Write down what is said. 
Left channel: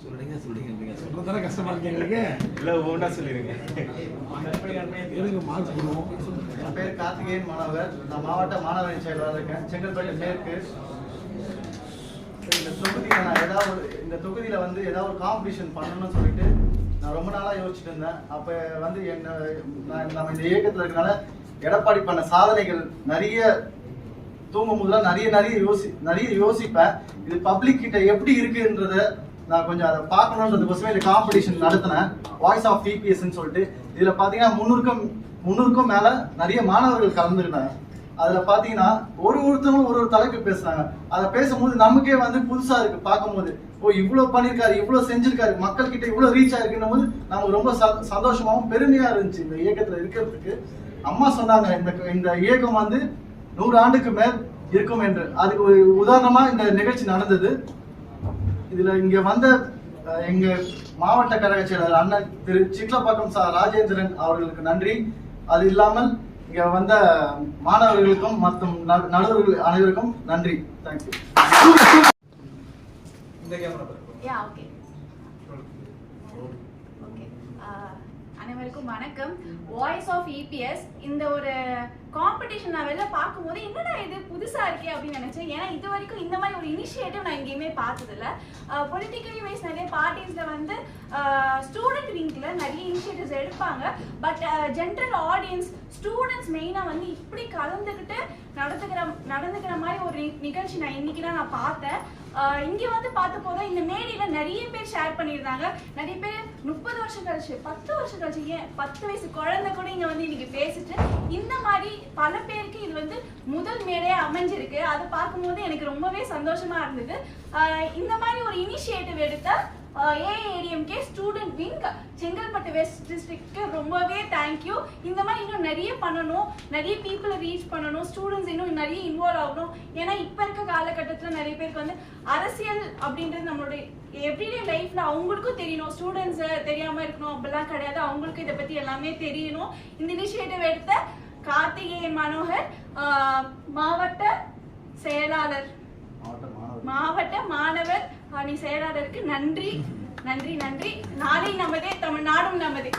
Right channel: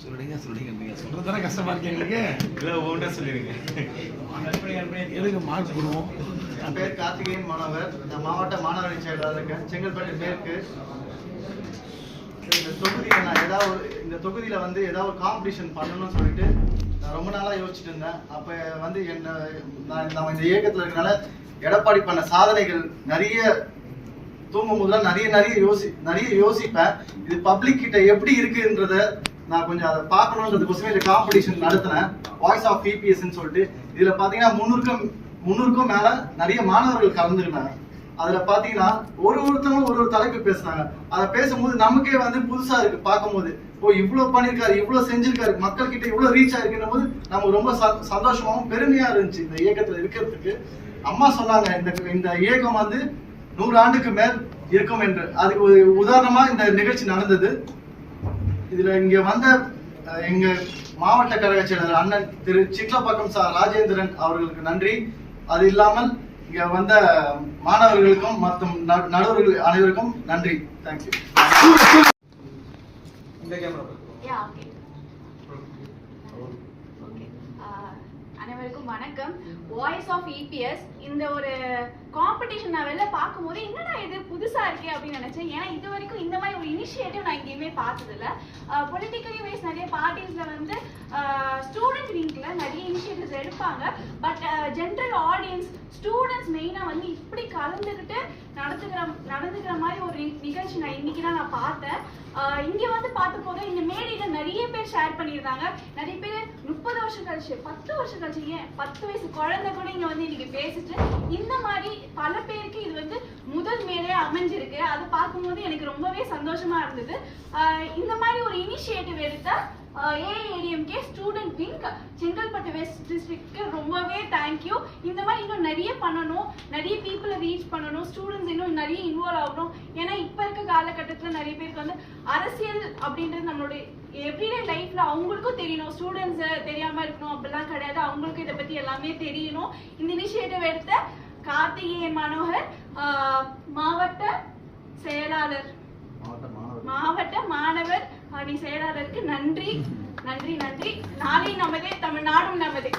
சொல்லுங்க சொல்றதான கஷ்டமா இருக்கு எங்களுக்கு. இல்ல ஒவ்வொன்றா சொல்லிடுங்க. எதுக்கு மாற்றிக்கணும். என் பேர் கார்த்திகேயன் மாணவர். நான் மாவட்ட மாணவரணி செயலாளர் இருக்கேன், செங்கல்பட்டு மேற்கு. இந்த தொகுதியில் வந்து ஏதாவது ஒரு காம்படிஷன் பண்ணணும்னு சொல்லிட்டு நான் ரொம்ப நாளாக யோசிச்சுட்டு இருந்தேன். அப்போ வந்து நம்ம இந்த இயக்கத்தில் இருக்கனால எடப்பாடி பண்ண சாதனைகள் நிறைய தூங்கும் போதுலாம் நிறைய யோசிப்பேன். இது பப்ளிக் கிட்ட எப்படி இருக்குன்றத நான் கொஞ்சம் அதை பார்க்கணுன்றதுக்கோசமே இந்த காம்படிஷன் நடத்தினேன். வாய்ஸ் ஆஃப் இபிஎஸ்ன்னு சொல்லிட்டு இதில் பார்த்தீங்கன்னா 300க்கும் மேலே நிறைய மாணவர்கள் கலந்துக்கிட்டாங்க. அதில் பார்த்தீங்கன்னா ஒருத்தவங்களும் ஒரு தலைப்பு பேசுனாங்க. அதை பேசும்போது நமக்கே வந்து புதுசாக இருக்கு பார்க்கும்போது. இவ்வளோ பண்ணியிருக்காரு, இவ்வளோ செஞ்சிருக்காரு, மக்கள் கிட்ட இவ்வளோ ரீச் ஆயிருக்குன்னும் போது நம்ம ரொம்ப சந்தோஷமாகவும் பெருமையாக இருந்துச்சு இந்த இயக்கத்தில் இருக்கிறதுக்கு. அம்மா சொன்னாங்க இந்த இயக்கம் வந்து 100 ஆண்டுக்கு மேல் இருக்கும் என்று. அதுக்கு ஒரு உதாரணமா இந்த நிகழ்ச்சி நடந்தது. இதுல இங்க வந்த எங்க மாவட்ட கழக செயலர் அண்ணன் திரு சிக்லப்பாக்கம் ராஜேந்திரன் அவர்களுக்கு நன்றி. அது இல்லாமல் இங்க வந்த மாணவர்களுக்கும் மற்றும் நடுவர்கள் அனைவருக்கும் நன்றி. தேங்க்யூ. அனைவருக்கும் வணக்கம். வாய்ஸ் ஆஃப் இபிஎஸ் இந்த ஒரு காம்படிஷன் நான் வெளில பார்க்கும்போது என்னடா இது புதுசா இருக்கே அப்படின்னு நினைச்சேன். ஏன்னா இது வரைக்கும் இந்த மாதிரி ஒரு இனிஷியேட்டிவ் நான் எங்கேயுமே பார்த்ததில்ல. பொலிட்டிக்கலி வைஸ் நிறைய பார்ட்டிஸ்ல வந்து ஸ்டூடெண்ட் விங்க்ல நிறைய இனிஷியேட்டிவ்ஸ் எடுப்பாங்க. பட் ஜென்ரல் ஆடியன்ஸ் ஸ்டூடெண்ட்ஸ் மெயினா வந்து இப்படி கலந்துக்கிட்டு நடந்துக்கிற மாதிரி ஒரு நிகழ்ச்சி நான் இன்னைக்கு தான் நான் பார்த்தேன். இங்க வந்து பார்த்த போது இந்த மேடையில நிறைய பேர் ஷேர் பண்ணியிருந்தாங்க. நிறைய பேர் 30 வருஷம் கழிச்சு 10 வருஷம் கழிச்சு ஏன் 10 வயசு குழந்தை கூட இங்க வந்து இன்னைக்கு பேசிட்டு இந்த மாதிரி பல பேருக்கு இது வந்து முதல் மேடையா அமைஞ்சிருக்கு. அதை பார்க்கும்போது எனக்கு ரொம்பவே சந்தோஷமா இருந்தது. இந்த மாதிரி ஒரு இனிஷியேட்டிவ் எடுத்த AIADMK student wing Chengalpattu west டிஸ்ட்ரிக்ட்க்கு ரொம்பவே தேங்க்யூ. இந்த மாதிரி இன்னும் நிறைய பண்ணணும், நிறைய பீப்புளை ரீச் பண்ணணும், ஸ்டூடெண்ட்ஸ் இன்னும் நிறைய இன்வால்வ் ஆகணும். ஏன்னா இப்போ இருக்க காலகட்டத்தில் நிறைய பேருக்கு வந்து அரசியல் அப்படின்றது நம்மளுடைய எவ்ரிடே லைஃப்ல அவங்களுக்கும் தெரியணும். ஸ்டூடெண்ட்ஸ் தெரியாம இருக்கணும் அப்படிலாம் கிடையாது, அவங்களுக்கு இதை பத்தி எல்லாமே தெரியணும். இந்த இனிஷியேட்டிவ் எடுத்த கார்த்திகேயன் மனோகர் மாவட்ட செயலாளர் மாவட்ட மாணவர் அணி செயலாளருக்கு நன்றி. நாளை நமதே, தமிழ்நாடும் நமதே.